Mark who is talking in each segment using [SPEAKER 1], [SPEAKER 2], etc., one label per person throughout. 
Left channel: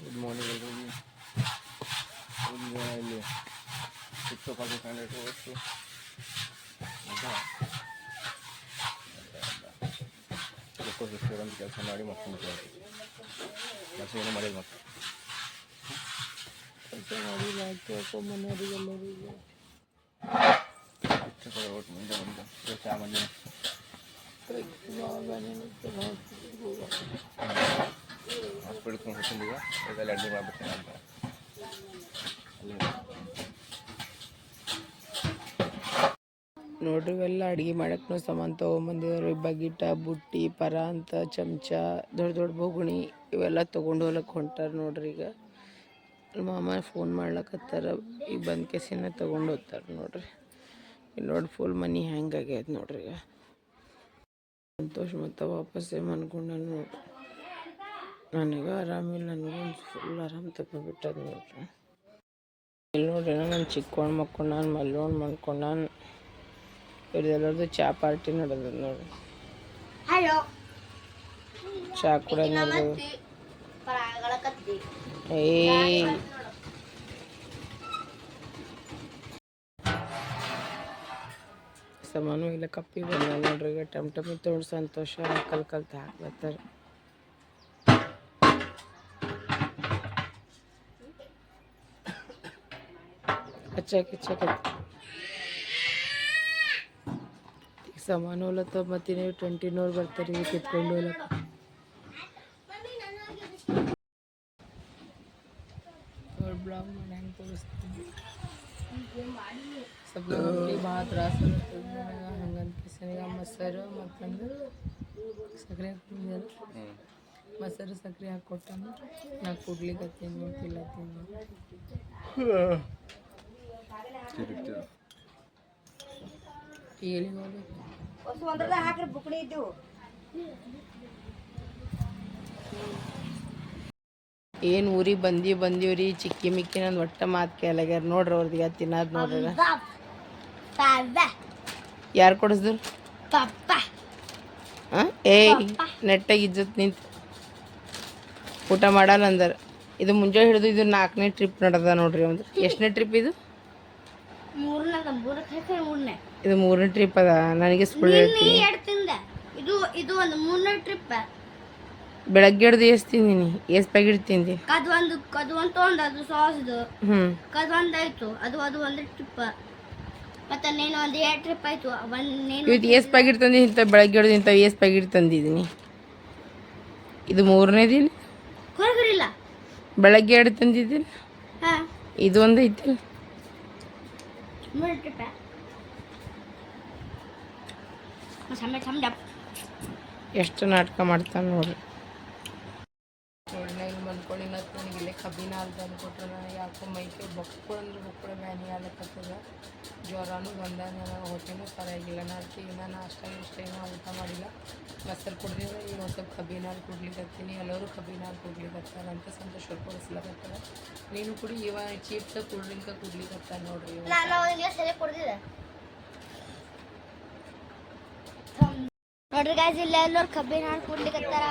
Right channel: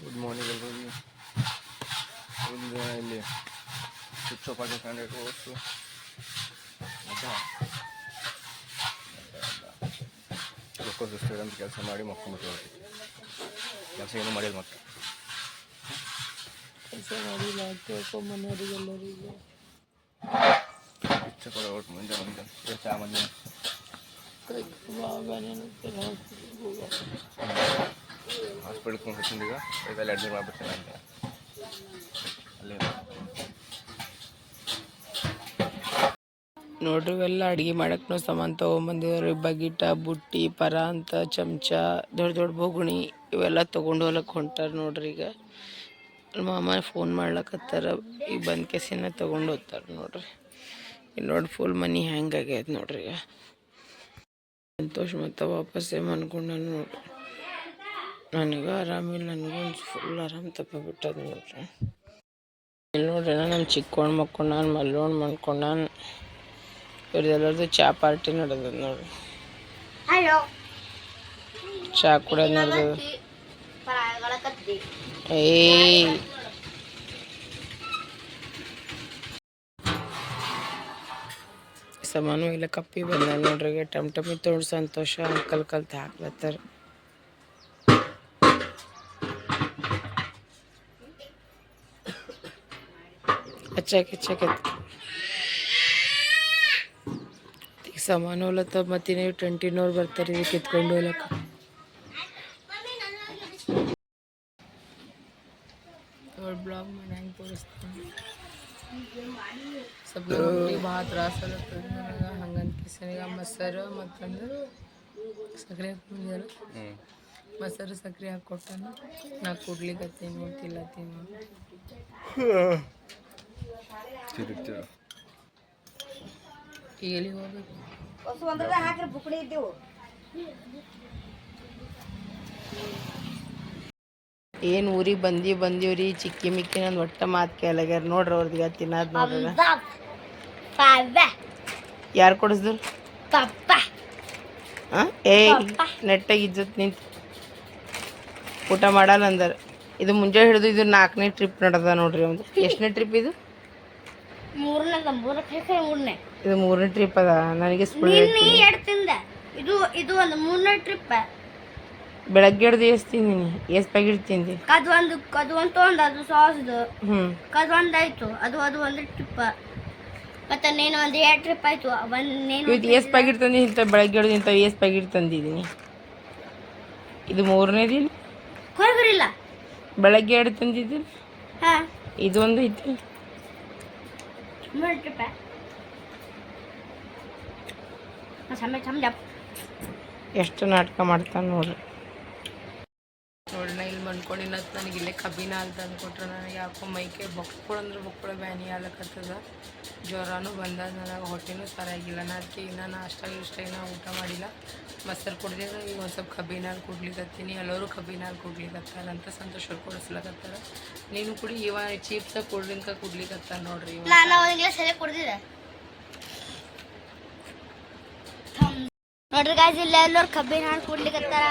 [SPEAKER 1] Good morning ಎಲ್ರಿಗೂ ಇಲ್ಲಿ ಇಲ್ಲಿ ಶಿಕ್ಷಕ ಪಾಟೀಲ್ ಕ್ಯಾಂಡಿಡೇಟ್ ಓದಿಸು ಲೋಕೋಸ್ ಸ್ಟೇಡಿಯಂ ಕೆಲಸ ಮಾಡಿ ಮಕ್ಕೊಂಡ್ಬಿಟ್ಟು ಕೆಲಸ ಏನೂ ಮಾಡಿಲ್ಲ ಮತ್ತೆ
[SPEAKER 2] ಕೆಲಸ ಮಾಡಿಲ್ಲ ಕೇಳ್ಕೊಂಬನ್ನೋರಿಗೆಲ್ಲರಿಗೂ
[SPEAKER 1] ಶಿಕ್ಷಕರು ಒಟ್ಟು ಮುಂದೆ ಬಂದು ಚಾ ಮಂದಿ
[SPEAKER 2] ಕೈ ಬಾಬಾನೇ ಹೋಗ
[SPEAKER 1] ಹಾಸ್ಪಿಟ್ಲ್ಗೆ ಹೋಗ್ತೀನಿ ಈಗ ಇದರಲ್ಲಿ ಅಡ್ಮಿಟ್ ಮಾಡಿಬಿಡ್ತೀನಿ ಅಂತ. ಅಲ್ಲೇ
[SPEAKER 2] ನೋಡ್ರಿ ಇವೆಲ್ಲ ಅಡುಗೆ ಮಾಡೋಕ್ಕೂ ಸಾಮಾನು ತೊಗೊಂಬಂದಿವ್ರಿ ಬಗಿಟ, ಬುಟ್ಟಿ, ಪರ ಅಂತ, ಚಮಚ, ದೊಡ್ಡ ದೊಡ್ಡ ಬೋಗುಣಿ ಇವೆಲ್ಲ ತೊಗೊಂಡು ಹೋಗ್ಲಕ್ಕೆ ಹೊಂಟಾರ ನೋಡ್ರಿ ಈಗ. ಅಲ್ಲಿ ಮಾಮ ಫೋನ್ ಮಾಡ್ಲಕತ್ತಾರ. ಈಗ ಬಂದ್ ಕೆಸಿನ ತೊಗೊಂಡು ಹೋಗ್ತಾರೆ ನೋಡ್ರಿ. ಇಲ್ಲಿ ನೋಡಿ ಫುಲ್ ಮನಿ ಹ್ಯಾಂಗ್ ಆಗ್ಯದ ನೋಡ್ರಿ ಈಗ. ಮತ್ತೆ ಮತ್ತು ವಾಪಸ್ಸೇ ಮನ್ಕೊಂಡ ನೋಡ್ರಿ. ನನಗೆ ಆರಾಮಿಲ್ಲ ನನಗೊಂದು ಫುಲ್ ಆರಾಮ್ ತಪ್ಪಿಬಿಟ್ಟದ ನೋಡ್ರಿ. ಇಲ್ಲಿ ನೋಡ್ರಿ ನಮ್ಮ ಚಿಕ್ಕೋಣ್ ಮಕ್ಕೊಂಡಾನ ಮಲ್ಲೋಣ್ ಮಾಡ್ಕೊಂಡಾನ ಇವ್ರದ್ದೆಲ್ಲರದು ಚಾ ಪಾರ್ಟಿ ನಡೆದ ನೋಡ್ರಿ. ಚಾ ಕುಡಿಯೋದು ನಡೆದ ಏಯ್. ಸಮಾನು ಇಲ್ಲ ಕಪ್ಪಿ ಬಂದ ನೋಡ್ರಿ ಟಮ್ ಟಮಿ ತೋಡ್ ಸಂತೋಷ ಅಂಕಲ್ ಕಲ್ತು ಹಾಕ್ಲತ್ತಾರ. ಹಚ್ಚಾಕ ಹಚ್ಚಾಕ ಈಗ ಸಮಾನು ಹೋಲತ್ತ ಮತ್ತೆ ನೀವು ಟ್ವೆಂಟಿನವ್ರು ಬರ್ತಾರೆ ಇದಕ್ಕೆ ಎತ್ಕೊಂಡು ಹೋಲಕ್ಕ ಬ್ಲಾಗ್ ಮಾಡಿ ಹೆಂಗೆ ತೋರಿಸ್ತೀನಿ ಸ್ವಲ್ಪ ಹೊಟ್ಟೆ ಭಾಳ ತ್ರಾಸ ಆಗತ್ತದ ನನಗೆ ಹಂಗಂತ ಕಿಸನಿಗೆ ಮೊಸರು ಮತ್ತಂದ್ರೆ ಸಕ್ಕರೆ ಹಾಕ್ಬಿಡ್ಯಾರ
[SPEAKER 1] ಹ್ಞೂ
[SPEAKER 2] ಮೊಸರು ಸಕ್ಕರೆ ಹಾಕ್ಕೊಟ್ಟಾನ ನಾ ಕುಡ್ಲಿಕತ್ತೀನಿ ತಿಲ್ಲತ್ತೀನಿ
[SPEAKER 1] ತಿರುಗ್ತಿರು
[SPEAKER 2] ಈಗ ಎಲ್ಲಿಗೆ ಹೋಗ್ಬೇಕು? ಏನು ಊರಿಗೆ ಬಂದಿ ಬಂದೀವ್ರಿ? ಚಿಕ್ಕಿ ಮಿಕ್ಕಿ ನಂದು ಒಟ್ಟ ಮಾತು ಕೇಳಗ್ಯಾರ. ನೋಡ್ರಿ ಅವ್ರದ್ದು ತಿನ್ನೋದು ನೋಡ್ರಿ ಯಾರು ಕೊಡಿಸಿದ್ರು? ಹಾಂ ಏಯ್ ನೆಟ್ಟಾಗಿ ಇಜ್ಜತ್ ನಿಂತು. ಊಟ ಮಾಡಲ್ಲ ಅಂದಾರ. ಇದು ಮುಂಜಾನೆ ಹಿಡಿದು ಇದು ನಾಲ್ಕನೇ ಟ್ರಿಪ್ ನಡೆದ ನೋಡ್ರಿ ಒಂದು ಎಷ್ಟನೇ ಟ್ರಿಪ್ ಇದು?
[SPEAKER 3] ಮೂರನೇದ ಮೂರಕ್ಕೆ ಮೂರನೇ?
[SPEAKER 2] ಇದು ಮೂರನೇ ಟ್ರಿಪ್ ಅದ ನನಗೆ ಹೇಳ್ತೀನಿ.
[SPEAKER 3] ಎರಡು ತಿಂದ. ಇದು ಇದು ಒಂದು ಮೂರನೇ ಟ್ರಿಪ್
[SPEAKER 2] ಬೆಳಗ್ಗೆ ಹಿಡ್ದು ಎಷ್ಟು ತಿಂದೀನಿ ಎಷ್ಟು ಪ್ಯಾಕೆಟ್ ತಿಂದಿ
[SPEAKER 3] ಕದ್ ಒಂದು ಕದ್ ಒಂದು ತೊಗೊಂಡು ಅದು ಸಾಸ್ದು. ಕದ್ ಒಂದು ಆಯ್ತು ಅದು ಅದು ಒಂದು ಟ್ರಿಪ್ ಮತ್ತೆ ನೀನು ಒಂದು ಎರಡು ಟ್ರಿಪ್ ಆಯ್ತು ಒಂದು ನೀನು
[SPEAKER 2] ಇದು ಎಷ್ಟು ಪ್ಯಾಕೆಟ್ ತಂದಿ ಇಂಥ ಬೆಳಗ್ಗೆ ಹಿಡ್ದು ಇಂಥ ಎಷ್ಟು ಪ್ಯಾಕೆಟ್ ತಂದಿದ್ದೀನಿ. ಇದು ಮೂರನೇ ದಿನ?
[SPEAKER 3] ಹೊರಗಿರಿಲ್ಲ
[SPEAKER 2] ಬೆಳಗ್ಗೆ ಎರಡು ತಂದಿದ್ದೀನಿ.
[SPEAKER 3] ಹಾ. ಮೂರು ಟ್ರಿಪ್ ಸಮಯ ಸಮಯ
[SPEAKER 2] ಎಷ್ಟು ನಾಟಕ ಮಾಡ್ತಾನೆ ನೋಡ್ರಿ. ನೋಡ್ರಿ ನಾ ಇಲ್ಲಿ ಮನ್ಕೊಂಡಿನ ನನಗೆ ಇಲ್ಲೇ ಕಬ್ಬಿನ ಅಂತ ತಂದು ಕೊಟ್ರೆ ನನಗೆ ಯಾಕೋ ಮೈಕೆ ಬೊಕ್ಕಳು ಅಂದ್ರೆ ಬೊಕ್ಕಳು ಬ್ಯಾನಿ ಆಗ್ಲಕ್ಕತ್ತದ ಜ್ವರನೂ ಬಂದ ನನಗೆ, ಹೊಟ್ಟೆನೂ ಸರಿಯಾಗಿಲ್ಲ. ನಾ ಅದಕ್ಕೆ ಇನ್ನೂ ಅಷ್ಟಾಗಿ ಇಷ್ಟ ಇನ್ನೂ ಊಟ ಮಾಡಿಲ್ಲ. ಮೊಸರು ಕುಡ್ದಿದ್ರೆ ಈಗ ಒಂದು ಸ್ವಲ್ಪ ಕಬ್ಬಿನ ಹಾಲು ಕುಡ್ಲಿಕತ್ತೀನಿ. ಎಲ್ಲರೂ ಕಬ್ಬಿನ ಹಾಲು ಕುಡ್ಲಿಕತ್ತಾರ ಅಂತ ಸಂತೋಷ ಕೊಡಿಸ್ಲಕತ್ತಾರ. ನೀನು ಕುಡಿ, ಇವ ಚೀಪ್ಸ ಕುಡ್ಲಿಂಕ ಡ್ರಿಂಕ ಕುಡ್ಲಿಕತ್ತಾರ ನೋಡ್ರಿ
[SPEAKER 3] ನೋಡ್ರಿ ಎಲ್ಲರೂ ಕಬ್ಬಿನ ಹಾಲು ಕುಡ್ಲಿಕತ್ತಾರ.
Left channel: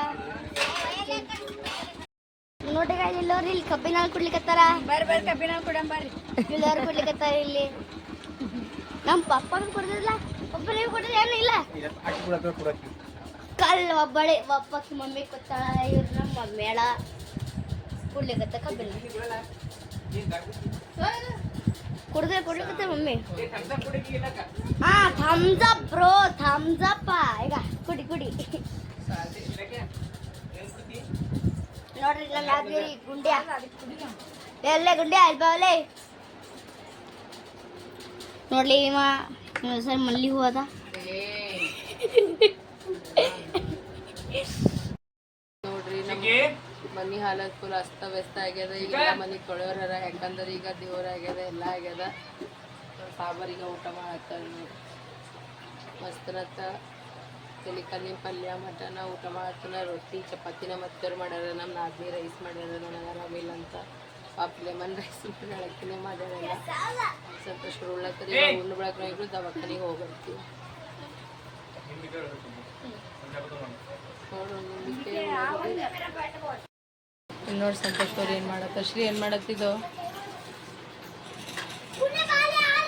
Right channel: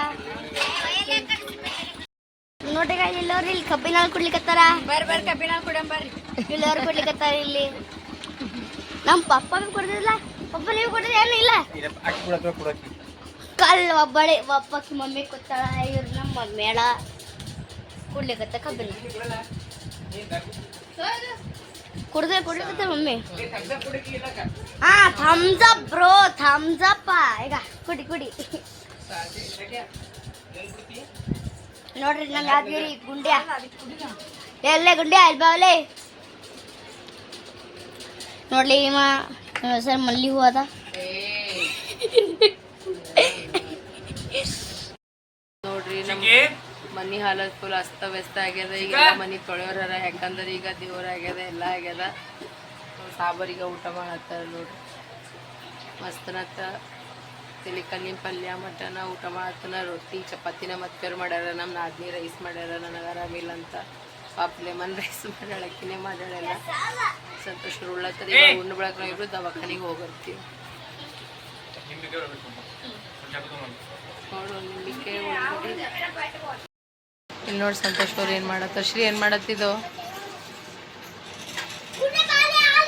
[SPEAKER 3] ನೋಡ್ರಿ ಗಾಯ್ಸ್ ಎಲ್ಲರೂ ಇಲ್ಲಿ ಕಬ್ಬಿನ ಹಾಲು ಕುಡ್ಲಿಕತ್ತಾರ ಬರ್ರಿ ಬರ್ರಿ ಕಬ್ಬಿನ ಹಾಲು ಕುಡಿಯಂ ಬರ್ರಿ ಎಲ್ಲರೂ ಕುಡ್ಲಿಕತ್ತಾರ ಇಲ್ಲಿ ನಮ್ಮ ಪಪ್ಪ ಕುಡ್ದಿಲ್ಲ ಪಪ್ಪ ನೀವು ಕುಡ್ದಿಲ್ಲ ಏನಿಲ್ಲ
[SPEAKER 1] ಅಕ್ಕಿ ಕೊಡಕ್ಕೆ ಕೊಡಕ್ಕೆ
[SPEAKER 3] ಕಲ್ ಒಬ್ಬಳೆ ಒಬ್ಬಕ್ಕೆ ಮಮ್ಮಿ ಕೂತಾಳ ಇವ್ರು ನಮ್ಮ ಮಮ್ಮಿಯಳ ಕುಡ್ಲಿಕತ್ತ ಕಬ್ಬಿನ ಕುಡ್ದೆ ಕುಡ್ಲಿಕತ್ತ ಮಮ್ಮಿ ಹಾ thumbs up bro thumbs up ಈಗ ಕುಡಿ ಕುಡಿ ನೋಡ್ರಿ ನನ್ನ ಯಾದಗಿರಿ ಗುಂಡಿ ಎಲ್ಲೇ ಗುಂಡಿ ಅಲ್ಲಿ? ಬಾವಲೆ ನೋಡ್ಲಿ ಇವ ಸರ್ ಮಲ್ಲಿ ಹೂ ಅದ.
[SPEAKER 2] ನೋಡ್ರಿ ಮನಿ ಹಾಲತ್ ಫುಲ್ ಅಸ್ತವ್ಯಸ್ತ ಆಗ್ಯದ. ಈಗ ಮನಿ ತೊಳೆಯೋರ ಯಾಕಂದ್ರೆ ಈಗ ದೇವ್ರ ಆಗ್ಯದ ಎಲ್ಲ ಆಗ್ಯದ. ಸಾಬರಿಗೆ ಊಟ ಮಾಡತ್ತಾರ ನೋಡ್ರಿ. ಮಸ್ತನತ್ತ ತಿಲಿಕಲ್ಲಿ ಪಲ್ಯ, ಮಟನ, ಊಟ ಮಾಡ್ತಾನ. ರೊಟ್ಟಿ, ಚಪಾತಿನ ಮತ್ತೆ ಮಾಡ್ಯಾರ. ನಮ್ಮ ನಾದ್ನಿ ರೈಸ್ ಮಾಡ್ಯಾರ. ನನಗೆ ಆರಾಮಿಲ್ಲ ಅಂತ ಪಾಪ ಲೆಮನ್ ರೈಸ್ ಮಾಡ್ಯಾಳ. ಅಕ್ಕಿನೇ ಮಾಡ್ಯಾಳಲ್ಲ ಸಂತೋಷ ಉಳ್ಳತ್ತದ ಉಂಡು ಬೆಳಕ ದವಾಖಾನಿಗೆ ಹೋಗಿರ್ತೀವಿ ನೋಡು ಇಲ್ಲಿ ನೋಡಿ ಸಂತೋಷ್ ಅವ್ರು ಏನು ಮಾಡತ್ತ. ಶ್ರೀ ಏನು ಮಾಡತ್ತಿದ್ದು?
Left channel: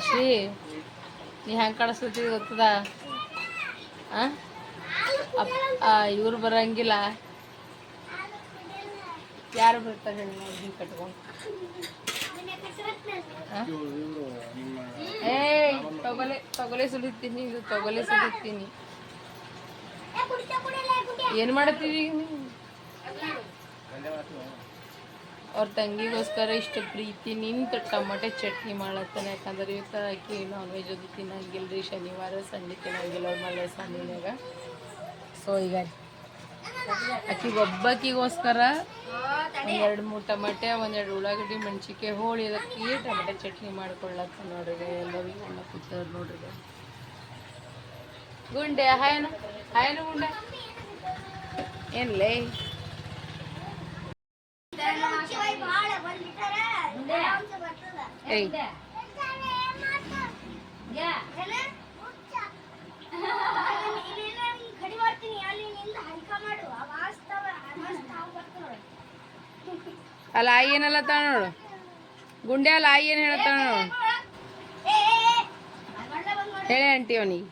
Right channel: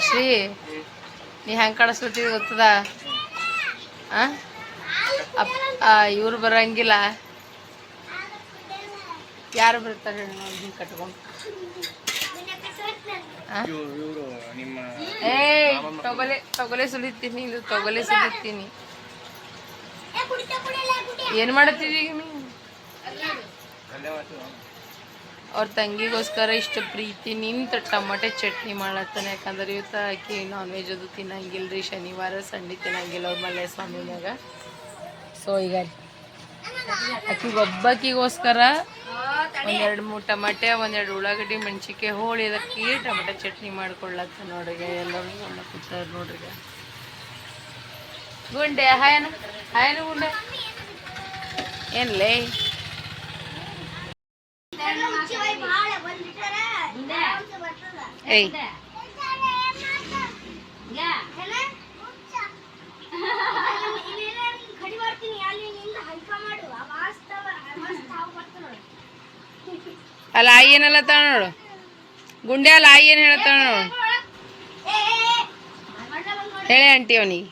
[SPEAKER 2] ಶ್ರೀ, ನೀ ಹೆಂಗೆ ಕಾಣಿಸ್ಲತ್ತಿದ್ ಗೊತ್ತದ? ಆ? ಇವ್ರು ಬರಂಗಿಲ್ಲ. ಯಾರು ಬರ್ತಾರೆ ಹೇಳಿ ಕಟ್ಕೊಂಡು. ತೊಗೊಲೆ ಸುಲಿತೀನಿ, ಇದು ತೊಗೊಲೆ ಸುಲಿತೀನಿ. ಏನು ಮಾಡತ್ತಿದ್ದೀಗ ನೀವು ಅವ್ರ ತಂಗಿಗೋಸ್ಕರ ಇಷ್ಟು ಪ್ರೀತಿ ನಿಂತ ಟಮಾಟೆ ಚಟ್ನಿ ಮಾಡತ್ತಾನೆ. ಯಾಕಂದ್ರೆ ಇವತ್ತು ಆಕಿ ನಾನ್ ವೆಜ್ ಅದು ತಿನ್ನಂಗಿಲ್ಲ ಶನಿವಾರ, ಸಂಡೆ ತಿನ್ನಂಗಿಲ್ಲ ಅವ್ರ ಮಲೆ ಸ್ವಾಮಿನಾಗ ಸೊ ಈಗ ಅಕ್ಕಿ ಒಬ್ಬಕ್ಕಿಗೋಸ್ಕರ ಒಂದೆರಡು ಮೂರು ಟಮಾಟೆ, ಒಂದೆರಡು ಉಳ್ಳಾಗಡ್ಡಿ ಮೆಣಸಿಕೆ ಹೋಳಿ ಅದಕ್ಕೆ ಟಮಾಟೆ ಚಟ್ನಿ ಮಾಡ್ಕೊಳ್ಳತ್ತ ನೋಡ್ರಿ ಎಲ್ಲರೂ ಎಲ್ಲ ಕೂತವ್ರು ನೋಡ್ರಿ. ಗುಂಡೆ, ಹಾಯನ ಹಾಯನ ಗುಂಡೆ. ಏನ್ಲೇ? ಏಯ್
[SPEAKER 3] ಕಡಿ ಮಾಡ್ತೀನಿ ಅಲ್ಲಿ ನಿಂದ ಹಲ್ಕ ಮಾಡು ವಾಸ್ತವ ವಾಸ್ತವ ಬರ್ತಾನೆ
[SPEAKER 2] ಅಲ್ಲ ಆಯಿ ಏನಲ್ಲತ್ತಾಳ ನೋಡು. ಗುಂಡೆ ಅಲ್ಲ ಆಯಿ ಏನು ಹೇಳತ್ತಾಳ ನೋಡು. ಹೇಳಿ ಆಂಟಿ ಅವನಿಗೆ.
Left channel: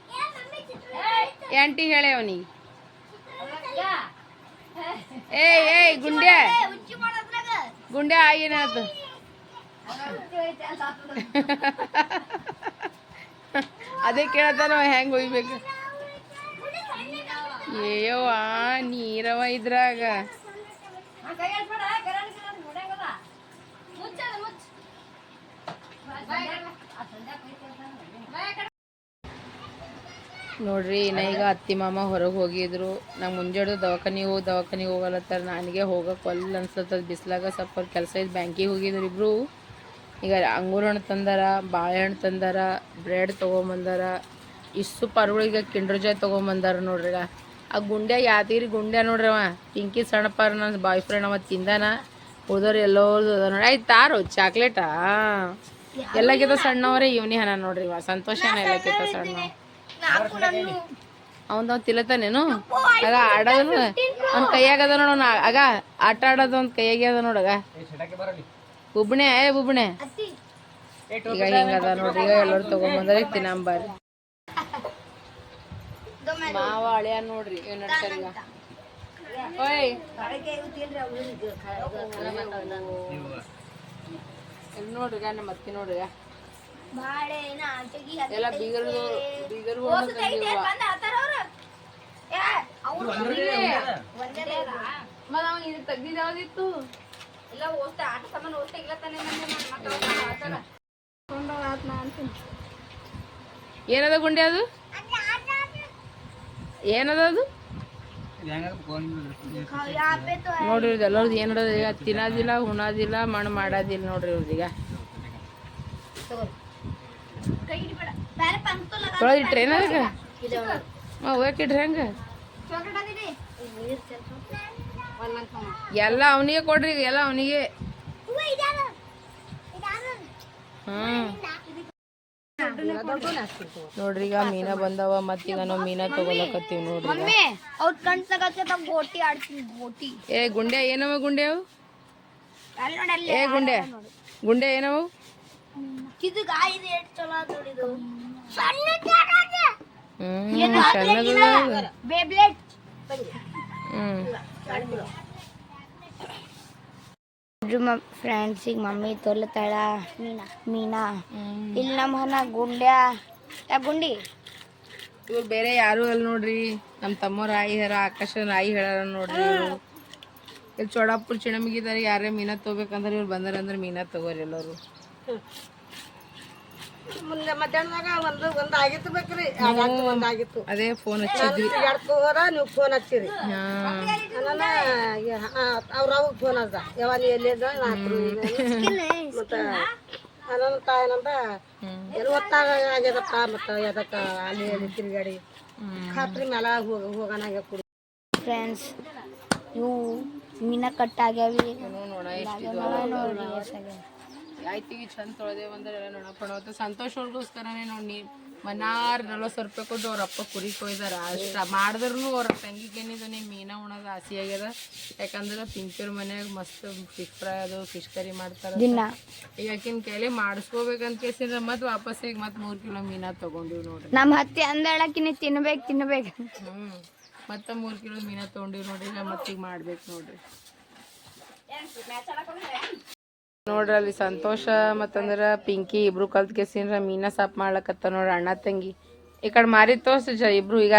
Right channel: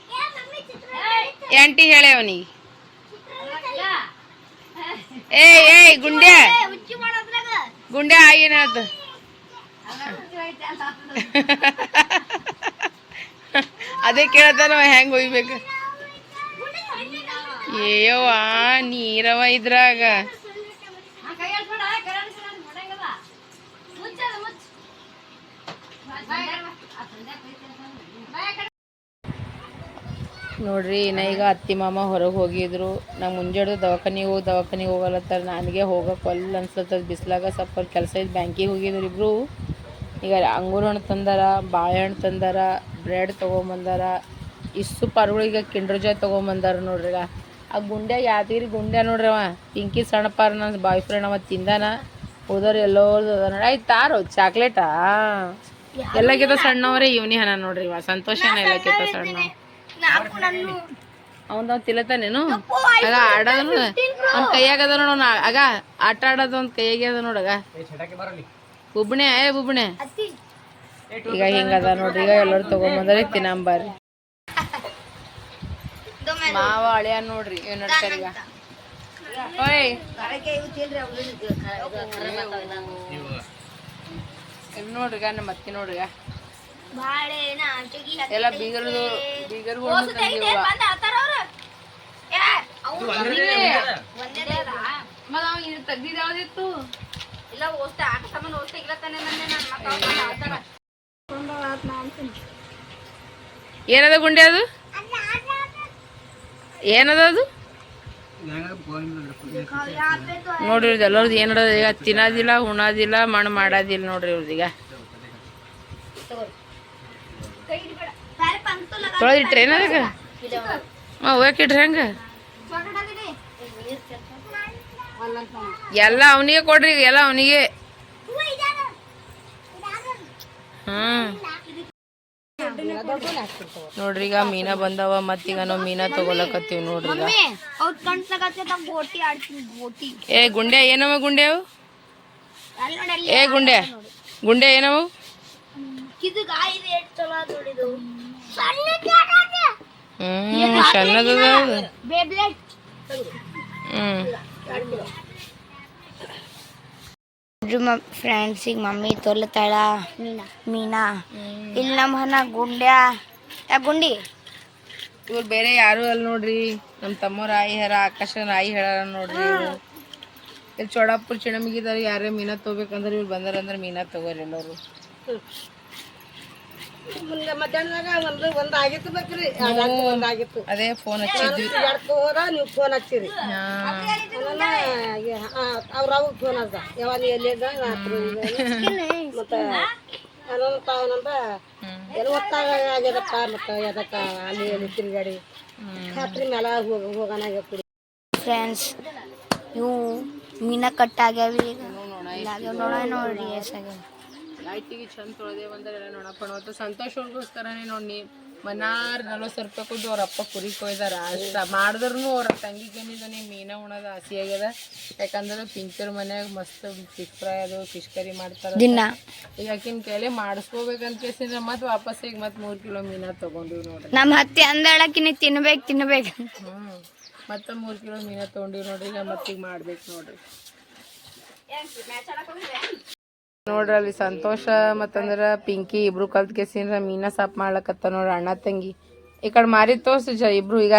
[SPEAKER 2] ಆಂಟಿ ಹೇಳೆ ಅವನಿಗೆ. ಏಯ್ ಏಯ್ ಗುಂಡೆ ಗುಂಡೆ ಆಯಿ ಏನು ಹೇಳ್ತ ಅದೇ ಕೇಳತ್ತಾನ ಹೆಂಗೆ ಒಯ್ಬೇಕು? ಏಯವ್ವ ನೀರವ ಇದ್ರಾಗ. ನೋಡ್ರಿ ಇನ್ನ ಈಗ ಅತ್ತಿ ಮಾಮ ಹೊರಗೆ ಹೋಗಿದ್ರು. ನಂಗೆ ಮುಂಜಾಡ್ದು ದವಾಖಾನಿಗೆ ಹೋಗಿ, ದವಾಖಾನಿಗೆ ಹೋಗಲತ್ತಾರ ನನಗೆ ಹೋಗಕ್ಕೆ ಒಲ್ಲ ಅನ್ಸತ್ತ ಬಿಸಿಲಾಗ ಸ್ವಲ್ಪ ಕೆಲಸ ಇದ್ದು ಬ್ಯಾಂಕಿಗೆ ಹೋಗಿದ್ರು ಇಬ್ರು. ಈಗ ಅಂಗೂರ ಹಣ್ಣು ತಂದಾರ ಬಾಳೆಹಣ್ಣು ತಂದಾರ, ಬ್ರೆಡ್ ತೊಗೊಂಬಂದಾರ ಇಷ್ಟು ಪರ್ಗಳಿಗೆ ಕಿಂಡ್ರ್ ಜಾಯ್ ತೊಗೊಂಬಂದಾರ ನೋಡ್ರಿ ಈಗ. ಆ ಗುಂಡ್ಯಾಗ ಯಾದಗಿರಿ ಗುಂಡ್ಯ ನೋಡ್ರಿ ಅವ. ಪಿಂಕಿ ಸಣ್ಣ ಪಾರ್ ನನ್ನ ಬಾಯ್ ಫ್ರೆಂಡ್ ಅವ ತಿಂದಾನ. ಉಳ್ದವ್ರು ಅದ ನೋಡಿ. ಆಯ್ತು ತಾರು, ಚಾಕ್ಲೇಟಾ? ಎಲ್ಲಕ್ಕಿಂತ ಸಣ್ಣವರೇ ಇವನಿ ಹನ ನೋಡ್ರಿ ಇವ ಸಂತೋಷನ ಎಲ್ಲಕ್ಕಿಂತ ಸಣ್ಣ. ಅವನ್ ತಿಲತಾನೇನು ಆಗ ಆಡೋದನು ಅವ್ನ ಕೈಯಾಗ ಅದ ನೋಡು ಅವ್ನ ಆಗ ಆಟ ಆಡೋದು ಅವ್ನ ಕೈಯಾಗೆ ಅದ ನೋಡಗ ಬುಬ್ಣೆ ಏ ಬುಬ್ಣೆ. ಈಗ ಹಿಂಗದ ನೋಡ್ರಿ ಈಗ ಎಲ್ಲರೂ ತಗೊಂಬಂದ್ರಿ ತಿನ್ನಂಬಾರಿ. ಮಾವ ಅಳಿಯ ನೋಡ್ರಿ ಏನ್ ನಡ್ತಾರ ಈಗ. ಓಯ್. ಇಲ್ಲಿ ನೋಡ್ರಿ ಈಗ ನಮ್ಮ ಅತ್ತಿ ನೋಡ್ರಿ. ಈಗ
[SPEAKER 3] ಬಾಳೆನ ಚಗಿ
[SPEAKER 2] ಎಲ್ಲ ಬೀಗರು ಬೀಗರು ಮತ್ತ ಅವ್ನು ಇದು ತೆಗ್ದಿದ್ದು ಯಾವ್ದಿತ್ತು?
[SPEAKER 3] ಇಲ್ಲ ಓಸ್ತ ಆಟ ಸಾಮಾನು ಇಲ್ಲ ತಾನೆ ನಾನು. ಆಡ್ತಾರ.
[SPEAKER 2] ಏನದ ಗುಂಡೆ ಅದು? ಏನದ ಅದು? ನೋಡ್ರಿ ಇವ್ರದ್ದು ಎಲ್ಲರದ್ದು ಏನದ ಈಗ ತಿನ್ನೋದಿಲ್ಲ, ಉಣೋದಿಲ್ಲ, ಮಣ್ಣು ಮಾಡೋದಿಲ್ಲ ನೋಡ್ರಿ
[SPEAKER 3] ಇವ್ರದೀಗ
[SPEAKER 2] ತೊಳೆದಿಟ್ರೆ ಏನದಾಗ ಹಾಂ ಹೋಗಿಟ್ರಿ ಹೆಂಗೆ? ಎಲ್ಲ ಅವನಿಗೆ ಕೊಡ್ರಿ, ಎಲ್ಲ ಅವನಿಗೆ. ಹ್ಮ್. ನೋಡ್ರಿ ಈಗ ಮೀನಾ ಬಂದವ ಮತ್ತೀಗ ನಾವು ಮೀನಾ ತಗೊಳಕತ್ತೀವಿ ನೋಡ್ರಿ ಈಗ.
[SPEAKER 3] ಮಮ್ಮಿ ಅವ್ರ ಕಣ್ ತಗತ್ತೆ ಗೋಟಿ ಆಡ್ತೀನಿ ಗೋಟಿ.
[SPEAKER 2] ಏ ಗುಂಡೆ ಏನವ ಗುಂಡೆ ಏ ಗುಂಡೆ. ಗುಂಡೆ ಏನವು ಹ್ಮ್ ಸಣ್ಣದ ಹ್ಮ್.
[SPEAKER 3] ಬೇಬ್ಲೆಟ್
[SPEAKER 2] ಹ್ಮ್
[SPEAKER 3] ಫ್ರೆಂಡ್ಸಿಗೆ ಮಮ್ಮಿ ತೊಲತಾಳ. ಮೀನಾ. ಇಲ್ಲಿ ನಮ್ಮ ಹನ ಗುಂಡ್ಯಾ. ಯಾ, ಗುಂಡಿ?
[SPEAKER 2] ಇವ್ರು ಬೇರೆ ಯಾರು ಅಲ್ಲಿ ನೋಡ್ರಿ. ನಮ್ಮ ತಮ್ಮ ಆಯಿ ಹೇರ ಆಕಾಶ ರಾಯಿ ಹೇಳಾರ ನೋಡ್ರಿ ಇಲ್ಲಿ ಚೋಡಾಪುರ ಚಿಣಮಿಗಿದವ್ರು ಯಾರೇ ಮೀನಾ ತಗೋಬೇಕಂದ್ರೆ ಇವ್ರು ಬಂದಾರ ಅಂದ್ರೆ ಮೀನಾ ತಗೋರಿ ಎಲ್ಲರೂ.
[SPEAKER 4] ಮುಂದೆ ಮಧ್ಯಾಹ್ನದಾಗ ಒಂದು ಒಂದು ಆಗಿತ್ತು ಬೇಕ್ರಿ. ಒಂದು ಆಗಿತ್ತು.
[SPEAKER 2] ಅದೇ ಫೋನ್ ಹಚ್ಚಿದ್ವಿ.
[SPEAKER 4] ಎಡ್ಕೋರ ನೀವು ಫೋನ್ ಹಚ್ಚಿರಿ. ಅವ್ರ ಅವ್ ಫೋನ್ ಅದ. ಯಾವ ನೀ ಎಲ್ಲಿದ ನಾ ಹತ್ರ ಇದ್ದೇನೆ. ಮತ್ತ ನನ್ನ ತಾಯನಂದ ಎಲ್ಲಿ ಹೊತ್ತಾಗ ಆಗ್ಯದಪ್ಪ ಮತ್ತ ಎದಕ್ಕ ಅಲ್ಲಿ ಎಲ್ಲಿ ತಿರುಗಾಡಿ. ಖಾತ್ರಿ ಮ್ಯಾಲ ಹೋಗ
[SPEAKER 3] ಫ್ರೆಂಡ್ಸ್ ಇವು ಮೀನ ಕಟ್ ಆಗ್ಯಾವ ಈಗ. ನೋಡಿ ನೋಡ ನೋಡ್ರಿ ಎಷ್ಟಾಗ್ಯಾವ
[SPEAKER 2] ಆಯ್ತಿವಿ ಚಂದ ತೊಳೆದೇವು ಅಂದ್ರೆ ನೋಡಪ್ಪ ನೋಡ್ತು ಸಂತೋಷ ಅವ್ರಿಗೋಸ್ಕರನೇ ನೋಡಿ ಮನಾರ್ ನಲ್ವತ್ತು ರೂಪಾಯಿ ಕೊಟ್ಟು ಅವ್ರ ಅಪ್ಪ ಕುರಿ ಕೊಯ್ದಾರ. ಅಷ್ಟ ಮಾಡಿದ್ರು ಅವ್ರ ತಂಗಿ ಬೆನ್ನಿದನಿ ಮೀನ ಉಣದ ಆಸೆ ಆಗ್ಯದ. ಯಾಕಂದ್ರೆ ಪಿಂಚರ್ ಮನ್ಯಾಗ ಮಸ್ತ್ ಫಿಶ್ ಫ್ರೈ ಅದು ಫಿಶ್ ಕರಿ ಮಾಡ್ತಾರ. ಈಗ ಆಕಿನ ಕೈಲಿ ಮಾಡಿಸ್ಕೋಬೇಕಂತ ಕೇಸಿದ್ರೆ ಮತ್ತೆ ವಾಪಸ್ ಈಗ ಮತ್ತೆ ಮೂರು ಕಿಲೋ ಮೀನಾ ತಗೊಂಡಿವ್ ನೋಡ್ರಿ
[SPEAKER 3] ನಮ್ಮ ಹತ್ತಿ ಅಂದಳಕಿನಿ ತಿನ್ಬೇಕು ತಿನ್ಬೇಕು
[SPEAKER 2] ಹ್ಞೂ ಮತ್ತೆ ಮೂರು ಕಿಲೋ ಮೀನಾ ತೊಗೊಂಡಿವಿ ನೋಡ್ರಿ ಈಗ ಮತ್ತೀಗ ಮಾಡ್ಬೇಕು ನೋಡ್ರಿ. ನೋಡ್ರಿ ಅಲ್ಲಿ ಸಂತೋಷ, ಮತ್ತಂದ್ರ ಪಿಂಕಿ ಇಬ್ರು ಕಲ್ತ್ ಕೆಸಿನ್ರ ಮೀನಾ ಸಾಪ್ ಮಾಡ್ಲಕತ್ತ ನೋಡ್ರಿ ಅಣ್ಣ ತಂಗಿ. ಈ ಕಡೆ ಮಾರಿ ತೋರ್ಸು ಜ ಇಬ್ರು ಈಗ.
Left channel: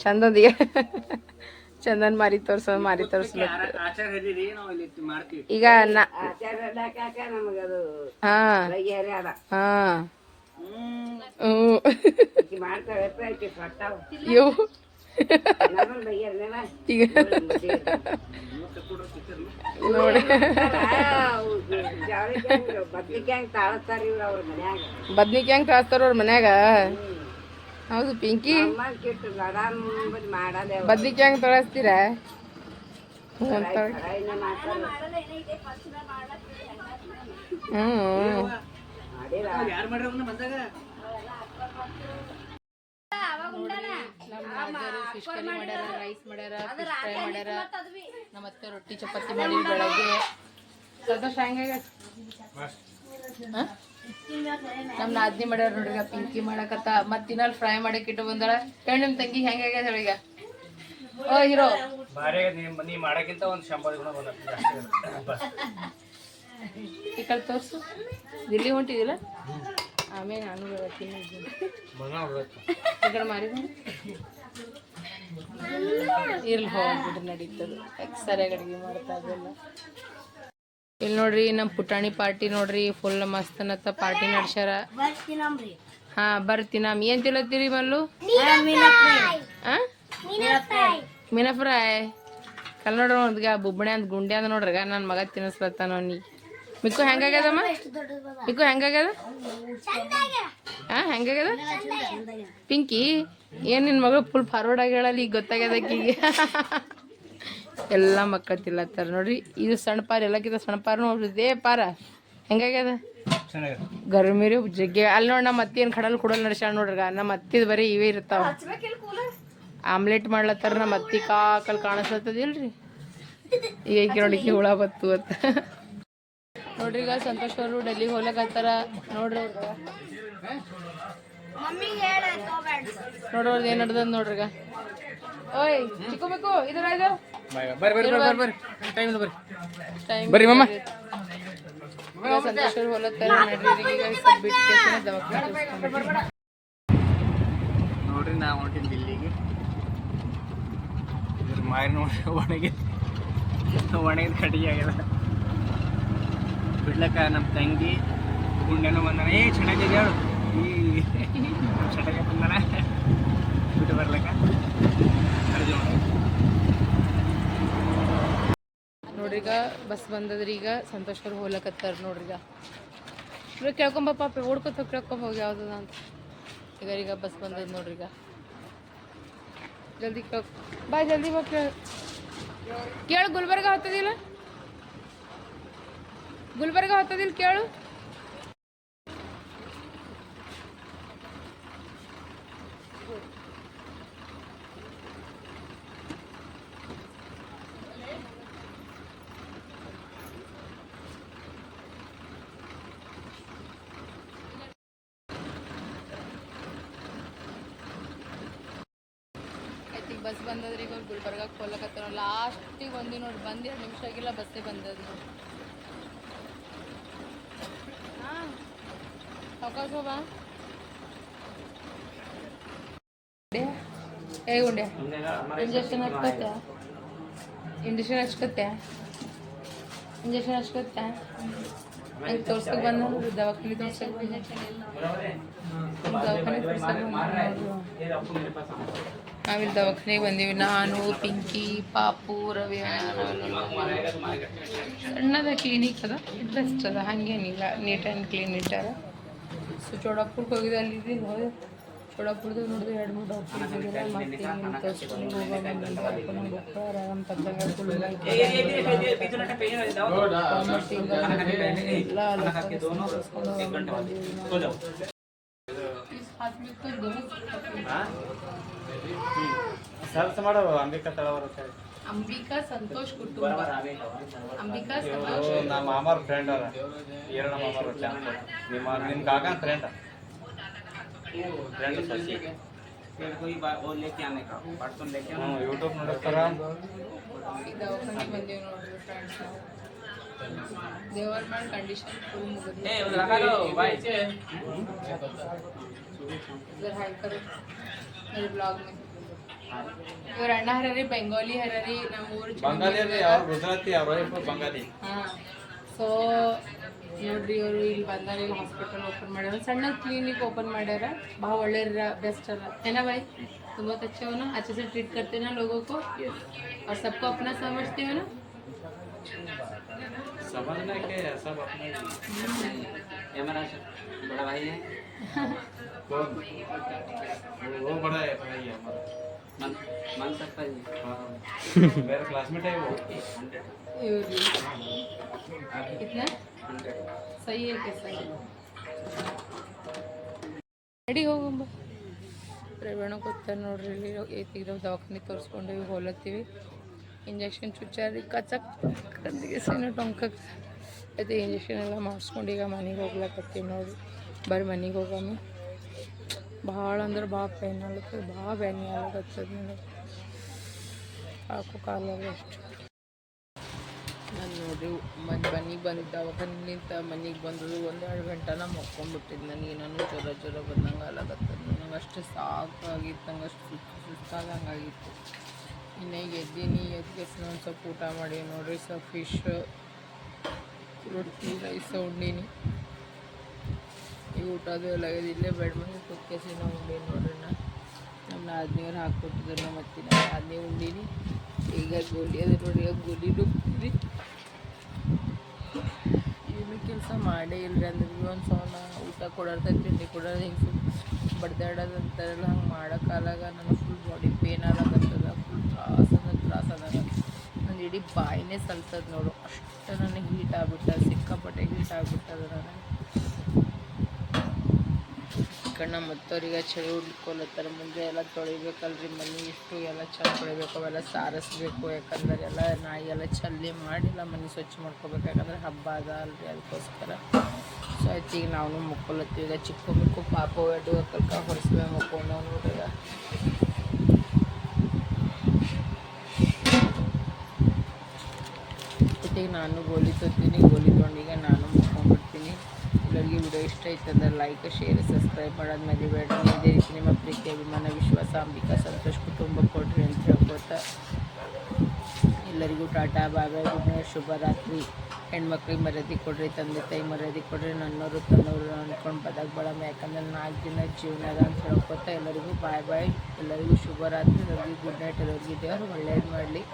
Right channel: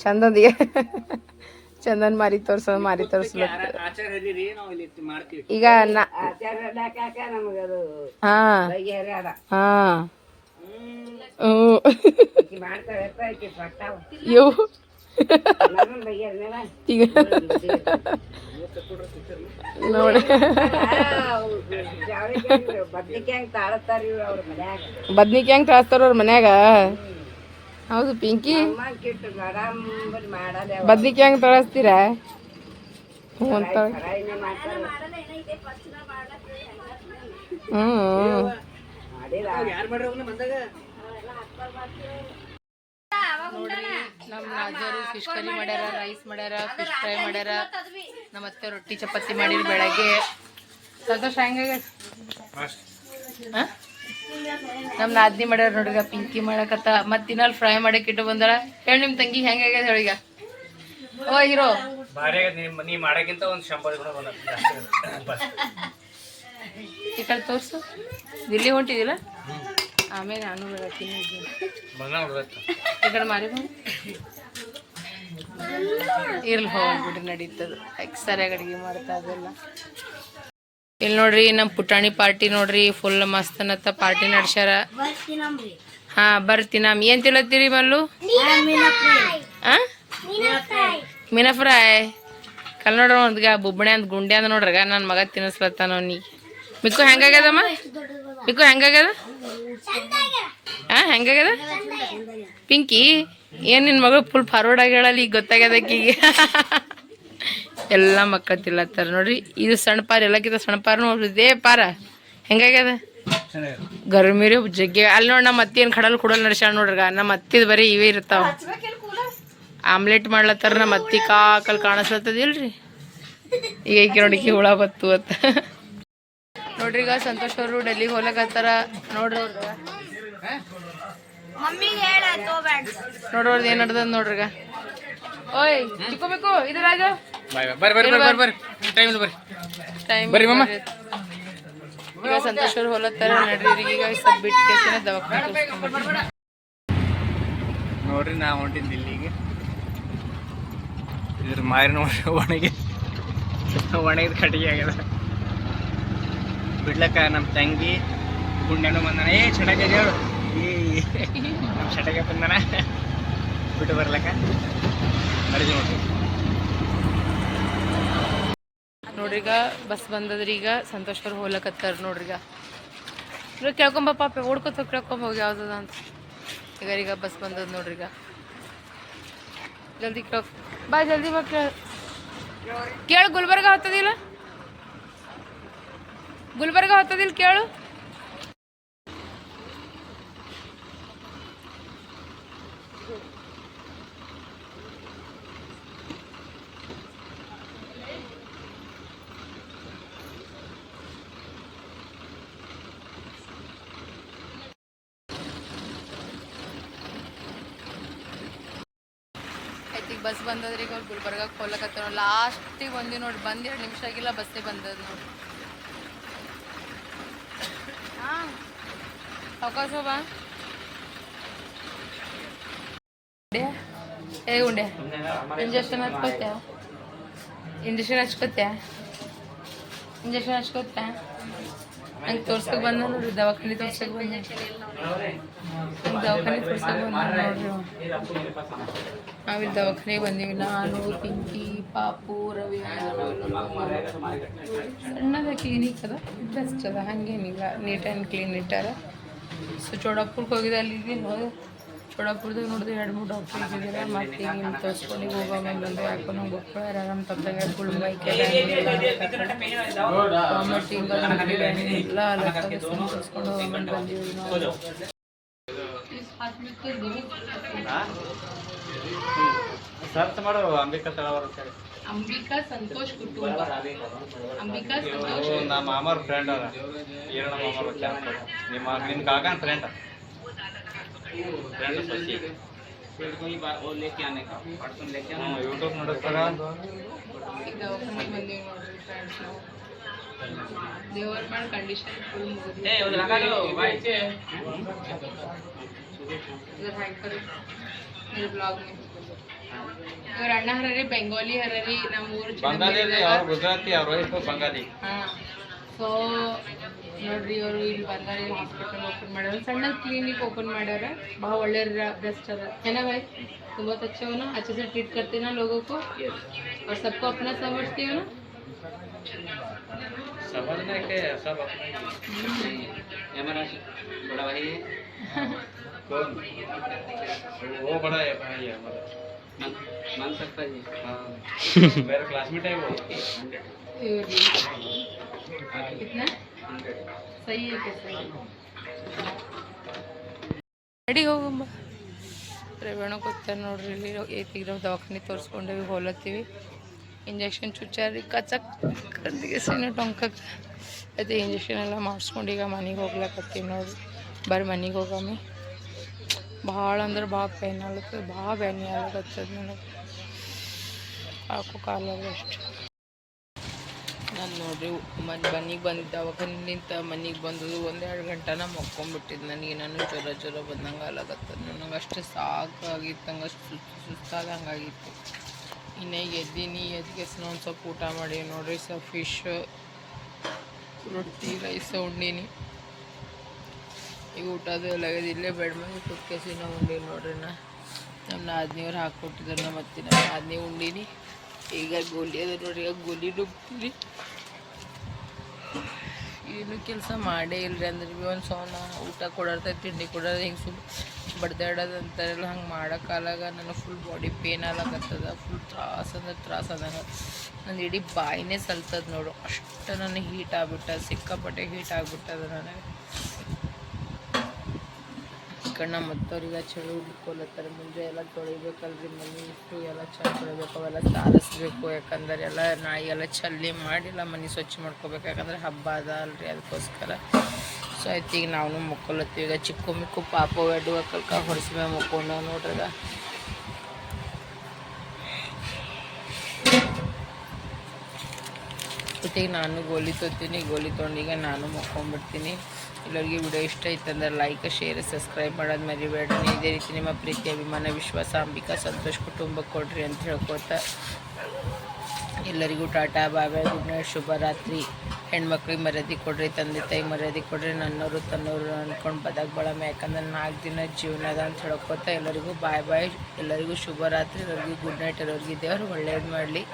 [SPEAKER 2] ಚಂದೊಂದಿಗೆ ಚಂದನ್ ಮಾರಿ ತೋರ್ಸ, ಮಾರಿ ತೋರ್ಸ್ಲಕ್ಕ ಈಗ ಹಾ. ಹಾ. ಈಗ ನೋಡಿ. ಬದ್ನಿಕಾಯಿ ಹೆಂಗ್ ಕಾಸ್ತಾರ ಅವ್ರ ಮನ್ಯಾಗ. ಹೌದು ಪಿಂಕಿ. ಬದ್ನಿಕಾಯಿ ಹೆಂಗ್ ತೊಳಸ್ತೀರ? ಹ್ಞೂ ಹ್ಞೂ ನಮ್ಮ ರಾಜರು ಫಿಶ್ ಕರಿ ಮಾಡ್ಯಾರ ರೈಸ್ ಮಾಡ್ಯಾರ ಫಿಶ್ ಫ್ರೈ ಮಾಡ್ಯಾರ. ನಮ್ಮ ಅತ್ತೆ ರೊಟ್ಟಿ ಚಪಾತಿ ಮಾಡಿ ಬೆಳಗ್ಗೆ. ಸಂತೋಷ ಹೆಂಗಾಗ ನಮ್ಮ ನಾದ್ನಿ ಮಾಡ್ಯಾರ ನೋಡ್ರಿಗ ಪಿಂಕಿ ಮಾಡಕತ್ತ. ಮತ್ ತಿನ್ನಲ್ ಫ್ರೈ ಮಾಡಕ್ ಇಟ್ಟು ಬಂದಾರ ಹೇಳಿ ನಿಮ್ ತಂಗಿ ಹೆಂಗಾಗ್ಯದ ಹೇಳಿಗ ಓ ಹೀರೋ.
[SPEAKER 1] ನೀ ಮಾಡಕ್ಕಿಂತ ಒಂದು ಶಂಬರ್ ಗುಣ
[SPEAKER 2] ಈ ಕಡೆ ತೋರ್ಸು. ದಿಲ್ಲಿ ಹೊಂಟಿದಿಲ್ಲ ಆಮೇಲೆ ನಾನು ಬರ್ತೀನಿ ಈ ಕಡೆ ಮಾರಿ ಇರ್ಲಿ ಹೋಗ್ಬಿಡ್ರಿ ನಡೀತದ. ಸರಿಯಾಗಿ ಅಡಿಗೆ ಮಾಡ್ತಾ ಅದೆಲ್ಲ ಇಲ್ಲಿ ನೋಡ್ರಿ ನಮ್ಮ ಪುಟಾಣಿ ಪಾರ್ಟಿ ನೋಡ್ರಿ ಫುಲ್ ಮಸ್ತ್ ಅನ್ನತ್ತ ಪಾರ್ಟಿ ನಡ್ಸ್ಯಾರ. ಹಾ ಬರ್ತೀನಿ ನಮ್. ಏನ್ ತಿಳತ್ತೀರಿ ಮಲ್ಲು? ಮೀನಾ ಫ್ರೈ. ಕಲ್ ನೋಡ್ರಿ ಒಂದ್ಗ ಬುಬ್ಬಣೆ ಅಂತ ಗುಂಡೆ ಅಂದ ನೋಡ್ರಗ ನನ್ನ ಮಗ ತಿನ್ನಿಸ್ಲತ್ತಾನ ಅವ್ನಿಗೆ. ಮಿಕ್ಕು ಹೆಂಗಾಗ್ಯದಮ್ಮ? ಮಿಕ್ಕು ಹೆಂಗಾಗ್ಯದ? ಹಾ ಹೆಂಗಾಗ್ಯದ? ಪಿಂಕಿ, ಏನ್ ನಿನ್ನ ಮಗಳು ಫುಲ್ ಫಾರ್ವರ್ಡ್ ಆಗಿ ಹೇಳಲ್ಲ ಈಗ ಗೊತ್ತಾಗ್ಯದ ಆಕಿಗೆ? ಎಲ್ಲ ಮಕ್ಕಳು ತಿಲ್ಲತ್ತಾರ ನೋಡ್ರಿ, ಇದು ಸಣ್ಣ ಪಾರ, ಎಲ್ಲಕ್ಕಿಂತ ಸಣ್ಣ ಪಾರ ನೋಡ್ರಿದೇ ಪಾರ. ಹೆಂಗಾಗ್ಯದ? ಗರ್ಮಿರಿ ಜಗ್ಗಿ. ಅಲ್ಲಿ ನೋಡಿ ನಮ್ಮ ಅತ್ತಿ ಏನು ಕಡಲ್ ಕುಡಲ್ ನಡೆಸ್ಯಾಳ ನೋಡ್ರಿ ನಮ್ಮ ಅತ್ತಿದ ಬರೀ ಇವೇ ಇರ್ತಾವ. ಆಮ್ಲೆಟ್ ಮಾಡ್ಲತ್ತಾರ ನಮ್ಮ ಅತ್ತಿ ಕಾಕಲ್ ಕಾಣಿಸ್ಲತ್ತದಿಲ್ರಿ ಈಗ ನೋಡಿ ಹುಳ ಬತ್ತು ಅಂತ. ನೋಡ್ರಿ ಈಗ ಸಂತೋಷ್ ಅವರು ಡೆಲ್ಲಿಗೆ ಹೋಗ್ಲಕತ್ತಾರ ನೋಡ್ರಿ. ನೋಡಿ ನೋಡ್ರಿ ಏನ್ ನಡ್ದದ ನೋಡ್ರಿ ಓಯ್ ಚಿಕ್ಕಬೇಕು ಇದು ರಾಜು
[SPEAKER 1] ಬರ್ರಿ ಬರ್ರಿ ಬರ್ರಿ ಬರ್ರಿ. ಟೈಮ್ ಬರ್ರಿ.
[SPEAKER 2] ಟೈಮ್ ಬರ್ರಿ ಈಗ ಸಂತೋಷ್ ಅವ್ರು ಹೊಲತ್ತಾರ ನಡ್ರಿ ಈಗ ಸ್ವಲ್ಪ ಬಿಟ್ಟು ಕೇಸಿನ ದವಾಖಾನೆ
[SPEAKER 1] ನೋಡ್ರಿ ನಾ ಹೊಂಟಿನ ದಿಲ್ಲಿಗೆ. ಇದ್ರ ಮಾರಿನ ಒಣಗಿ ಒಣಗಿದ ಕಟ್ಟಿಗೆ ಆಗ್ಯದ. ಬಿಡ್ಲಕ್ಕ ನಮ್ಮ ತಂಗಿ ಗುಂಡನು ಬಂದಾನ. ಏ ಚಟಗೆ ಹೇಳು. ಈ ನಮ್ಮ ಚಟಗೆ ಬಂದಾನ. ಬಿಟ್ಟು ಬರ್ಲಕ್ಕ. ಅಡುಗೆ
[SPEAKER 2] ನೋಡ್ರಿಗ ಬಸ್ ಬಂದದ್ರಿ ಈಗ ಸಂತೋಷವ್ರು ಹೋಗ್ಲಕತ್ತಾರ ನೋಡ್ರಿ ಈಗ. ಇವಾಗ ಕೇಳ್ಕೊಂಬ ಪಾಪ, ಓಡ್ಕೊತ ಕೇಳ್ಕೊಂಬ ಹೋಗಿ ಯಾವ್ದದ ಅಂತ. ಈಗ ಈಗ ಬಸ್ ಬಂದದ ನೋಡ್ರಿ ಈಗ. ಜಲ್ದಿ ಕೇಳ್ ಬಾ ಜಲ್ದಿ ಬಾ ಕೇಳ ಕೇಳ ಗುಲ್ಬರ್ಗ ಹತ್ತದಿಲ್ಲ? ಗುಲ್ಬರ್ಗ ಹೊತ್ತದಿಲ್ ಕೇಳು. ಈಗ ಬಸ್ ಬಂದದ್ರಿ ಈಗ ಅವ್ರು ಗುಲ್ಬರ್ಗಕ್ಕೆ ಹೋಗ್ಲಕತ್ತಾರ. ಲಾಸ್ಟಿಗೆ ಬಂದಿ ನೋಡಿ ಬಂದು ಎರಡು ನಿಮಿಷ ಆಗಿಲ್ಲ, ಬಸ್ಸೇ ಬಂದದ ನೋಡಿ ಬಾ ಏ ಉಂಡೆ ಇಂಜೆಕ್ಷನ್ ಹಚ್ಕೋತ್ಯಾ ಇಂಜೆಕ್ಷನ್ ಹಚ್ಕೋತ್ಯಾ ಇಂಜೆಕ್ಷನ್ ಹಚ್ಕೋತ್ಯಾ ನಂಗೆ ತೋರ್ಸಕ್ಕೆ ಬಂದ ನೋಡ್ರಿ ದವಾಖಾನೆ ತೋರ್ಸಕ್ಕೆ ಬಂದ ದವಾಖಾನೆ ತೋರ್ಸಕ್ಕೆ ಬಂದ ನೋಡ್ರಿ. ನಾವಿಲ್ಲಿ ದವಾಖಾನೆಗೆ ಬಂದೀವಿ ನಾನು ಪಿಂಕಿ ಪಾಪು ರವಿ ಸಣ್ಣದ ಕ್ಲಿನಿಕ್ ಅದ ಬೆಸ್ಟ್ ಅದ ಹಾಗೇನಿಲ್ಲ ನೀಟ್ ಆ್ಯಂಡ್ ಕ್ಲೀನ್ ಇಟ್ಟಾರ? ಸೊ ಚೋಡಾಪುರಕ್ಕೆ ಹೋಗಿದ್ದೆ ಅಲ್ಲಿ ನೋಡಿ. ಚೋಡಾಪುರದಾಗ ನೋಡಿದ್ರೆ ಎರಡು ಮೂರು ಡಾಕ್ಟ್ರ್ ಇದ್ದಿದ್ದಿಲ್ಲ ಮತ್ತೆ ಹಿಂಗೆ ತೋರಿಸ್ಕೊಂಡು ಹೋಗೋ ಬಂದು ಯಾಕೋ ನಂಗೆ ಗೊತ್ತಿಲ್ಲ ಆರಾಮ್ ತಪ್ಪದಾಗ ಫುಲ್ ಬೈಕ್ ವಾಮಿಟಿಂಗ್ ಎಲ್ಲ ಅಲ್ಲ ತೋರಿಸ್ಕೊಂಡು ಹೋಗ್ಕೊಂಡು ಬಂದೀವಿ ನಾವು
[SPEAKER 1] ಸರ್ಚ್ ಮಾಡು ಅಂಬಿಕಾ ತಳವಾರ
[SPEAKER 2] ಅಂಬಿಕಾ ಸಂತೋಷ್ ಕುಟುಂಬ ಅಂಬಿಕಾ ಸಂತೋಷ್
[SPEAKER 1] ಅದು ನಮ್ಮ ಮಾಮಾರ್ ಫ್ರೆಂಡ್ ಅದ ಈರಣ್ಣ ಮಾಮಾರ್ ನಿಮ್ಮ ನಿಮ್ಮ ಕಾಕನ ಫ್ರೆಂಡ್ ಫ್ರೆಂಡ್ ಸಸಿ ಯೂಟ್ಯೂಬ್ ನೋಡಿಸ್ತಾರ
[SPEAKER 2] ಈಗ ದವಾಖಾನೆ ಬಂದೀವಿ ನೋಡ್ರಿ ಫ್ರೆಂಡ್ಸ್ ದೇವರ ಮಾಡಿ ಕಂಡೀಷನ್ ಫುಲ್ ಮುಗಿದ್ವಿ इधर हाइड करो मेरे ब्लॉग में ಇವ್ರ ಅಣ್ಣ ಹರರಿ ಬೆಂಗಾಲಿ ಹರರಿ ನಮ್ಮ ಊರು
[SPEAKER 1] ಬಂಗಾಲಿ ಅವ್ರ ಗುಜರಾತಿ ಅವ್ರ ವೈಫ್ ಬಂಗಾಲಿ
[SPEAKER 2] ಹಾಂ ಸೊ ನೋಡ್ರಿ ಇವರು ಇಲ್ಲಿ ಬಂದಾರ ಇಲ್ಲಿ ಹಾಸ್ಪಿಟಲ್ ಓಪನ್ ಮಾಡ್ಯಾರ ಸಣ್ಣ ಕ್ಲಿನಿಕ್ ಓಪನ್ ಮಾಡ್ಯಾರ ಭಾಳ ಒಳ್ಳೆ ಬೆಸ್ಟ್ ಅದ ಏನ भाई तुम बहुत अच्छे हो ना अच्छे से ट्रीट करते ना लोगों को और सबको अपना समझते हो ना
[SPEAKER 1] समझने के सब अपने
[SPEAKER 5] बड़ा भाई है
[SPEAKER 1] कौन वो बड़ा है भाई है हमारा मेरे क्लासमेट है वो
[SPEAKER 2] कितना ರೆಡಿ ಹೋಗಮ್ಮ. ರೇವಣ್ಣ ಗೊತ್ತಾರ ನೋಡ್ರಿ, ಇಲ್ಲಿ ಏತಿಗಿರೋ ದವಾಖಾನೆ ತೋರಿಸ್ಕೊಂಡೇವಿ, ಹೋಲತ್ತೀವಿ. ಇಂಜೆಕ್ಷನ್ ಚುಚ್ಚಾರಿ ಕಚಕ್ ಕದ್ದಿಗೆ ಸೇನು ಟೊಂಕಕ್ಕೆ ಅದೇ ಇಂಜೆಕ್ಷನ್ ಎಲ್ಲ ಮಾಡಿಸ್ಕೊಂಡು ಈಗ ಮನೆಗೆ ಹೋಗ್ಲಕತ್ತೀವಿ ನೋಡ್ರಿ. ಬರ್ರಿ ಮನೆಗೆ ಹೋಗಮ್ಮಿ. ಭಾಳ ಅಂದ್ರೆ ಭಾಳ ಪೇನ್ ಆಗ್ಲತ್ತದ ಭಾಳ ಬ್ಯಾನಿ ಆಗ್ಲತ್ತದ ನನಗೆ. ಹಾಕು ಕಾಲ ಅಷ್ಟು. ನಾನು ನೋಡ್ರಿ, ಮನೆ ಮನೆಗೆ ಬಂದಿದ್ದೆ, ಅವಾಗ ನಿಂತ ಮನೆಗೆ ಬಂದದ್ದು ಒಂದೆರಡು ಗಂಟೆ ನಾ ಮಕ್ಕೊಂಬಿಟ್ಟಿದ್ದು ನನಗೆ. ನಾನು ಜ್ವರ ಜ್ವರ ಬಂದಂಗೆ ಆಗ್ಲಾಗತ್ತದ ನನಗೆ. ಅಷ್ಟು ಸಾಕಾಗಿತ್ತು ಹಂಗೆ ಸುಸ್ತು ಸುಸ್ತಾದಂಗೆ ಆಗಿತ್ತು ಇನ್ನು ಎದ್ದೀನಿ ಎದ್ಗೆ ಒಂದು ಸ್ವಲ್ಪ ಊಟ ಮಾಡಿ ನೋಡ್ರಿ ಸ್ವಲ್ಪ ಫಿಶ್ ರೊಟ್ಟಿ ರೈಸ್ ಉಂಡೀನಿ. ಈಗ ಊಟದು ಎಲ್ಲ ಆಗ್ಯದ ಇಲ್ಲೇ ಬೆಡ್ ಮೇಲೆ ಕುತ್ಕೇಸಿ ನಾವು ಉಂಡೀನಿ ನೋಡ್ರಿ ನಾ ನಮ್ಮ ನಾದ್ನಿಯವ್ರು ಹಾಕ್ಕೊಟ್ಟಿದ್ರು ನಮ್ಮ ಅತ್ತಿ ನಮ್ಮ ನಾದ್ನಿ ಉಂಡೀನಿ. ಈಗ ಗೋಲಿ ಅದ ನೋಡಿ, ಈಗ ಗೋಲಿ ಡುಬ್ತೀನಿ ಏನು ಕೆಲಸ ಮಾಡೇ ಇಲ್ರಿ ಅಂದ್ರೆ ಭೀ ಒಂದು ಸೌನ ಊಟ ಕೊಡೋರ್ತ ತಿಂಡಿ ಕೊಡೋದು ಹಿಂಗೆ ಸುಮ್ ಬಡ್ದಾಡೋದು ಅಂತಾರೆಲ್ಲ, ಹಂಗೆ ಮಾಡೋಕ್ಕಾಲಾಗ ನನಗೆ ಫುಲ್ ಬಾಡಿ ಪೇನ್ ಆಗತ್ತದ ಫುಲ್ ತ್ರಾಸ ಅಂದ್ರೆ ತ್ರಾಸ ಅದಾಗ ನನ್ನ ಇಡೀ ಬಾಯಿನೇ ಸಲ್ತದ ನೋಡು. ಅಷ್ಟು ನನಗೆ ಹೀಟ್ ಆಗ್ಬಿಟ್ಟ, ಸಿಕ್ಕಾಪಟ್ಟೆ ಹೀಟ್ ಆಗ್ಬಿಟ್ಟದ ನನಗೆ. ಕಣ್ಣ ಮತ್ತವ್ರಿಗೆ ಚಳಿ ಹುಡ್ಕೊಲತ್ತಾರ. ಮುಂದೆ ಎಲ್ಲ ತೊಳಿಬೇಕಲ್ರಿ ಮನೆ, ಇಷ್ಟು ಎಲ್ಲ ಚಂದ ತೊಳಿಬೇಕು, ಅವೆಲ್ಲ ಸಾರಿಸ್ಬೇಕು. ಯಾಕಂದ್ರೆ ಎಲ್ಲ ನಾಯಿ ಎಲ್ಲ ಚಲ್ಲಿ ಮಾಡಿ ಎಲ್ಲ ಮನೆ ಸ್ವಚ್ಛ ಮಾಡ್ಕೋಬೇಕು. ಯಾಕಂದ್ರೆ ಹಬ್ಬ ಅದ ಅಲ್ರಿ ಅದಕ್ಕೋಸ್ಕರ. ಸೊ ಆಯ್ತು ಈಗ ನಾವು ಮುಕ್ಕೊಲತ್ತೀವಿ. ಈಗ ಚಿಕ್ಕ ಮಿಕ್ಕು ಪಾಪ ಎಡ್ಡು ಕಲ್ಕ ಹೊಡಿಸ್ಬೇಕು ಮುಕ್ಕೊಂಡ ನೋಡ್ರಿ ಈಗ. ನಾನು ಗೋಲಿ ತೊತ್ತೀನಿ ಗೋಲಿ ತೊಗೊಂಡು ಈಗ ನಾನು ಮುಕ್ಕೊಂಡ್ಬಿಡ್ತೀನಿ. ಎಲ್ಲರಿಗೆ ವಿಡಿಯೋ ಇಷ್ಟ ಆಯ್ತಂದ್ರೆ ಲೈಕ್ ಶೇರ್ ಸಬ್ಸ್ಕ್ರೈಬ್ ಮಾಡೋದು ಮರಿಬೇಡ್ರಿ ಇದೇ ರೀತಿ ನಿಮ್ಮ ಪ್ರೀತಿ ಅಭಿಮಾನ, ವಿಶ್ವಾಸ, ಅಂಬಿಕಾ, ಸಂತೋಷ್ ಕುಟುಂಬಕ್ಕೆ ಕೊಡ್ರಿ ಅಂತ ಹೇಳ್ಕೊತ ಎಲ್ಲರಿಗೂ ಟಾಟಾ, ಬಾಯ್ ಗುಡ್ ನೈಟ್ ಶುಭರಾತ್ರಿ ಹೆಣ್ಮಕ್ಳಿಗೆ ಮರ್ಯಾದೆ ಕೊಡ್ರಿ, ತಂದೆ, ತಾಯಿ ಮರ್ಯಾದೆ ಕೊಡ್ರಿ ನನ್ನವರು ತನ್ನವರು ಅಂದ್ಕೊಂಡು ಬದಕ್ ಬಳಮ ಯಾಕಂದ್ರೆ ನಾಲ್ಕು ದಿನ ಜೀವನ ಅದ ಅಂತ ಹೇಳ್ಕೊತ ಎಲ್ಲರಿಗೂ ಬಾಯ್ ಬಾಯ್, ಎಲ್ಲರಿಗೂ ಶುಭರಾತ್ರಿ ಎಲ್ಲರಿಗೂ ಗುಡ್ ನೈಟ್ ಎಲ್ಲರಿಗೂ ದೇವರು ಒಳ್ಳೇದು ಮಾಡಲಿ.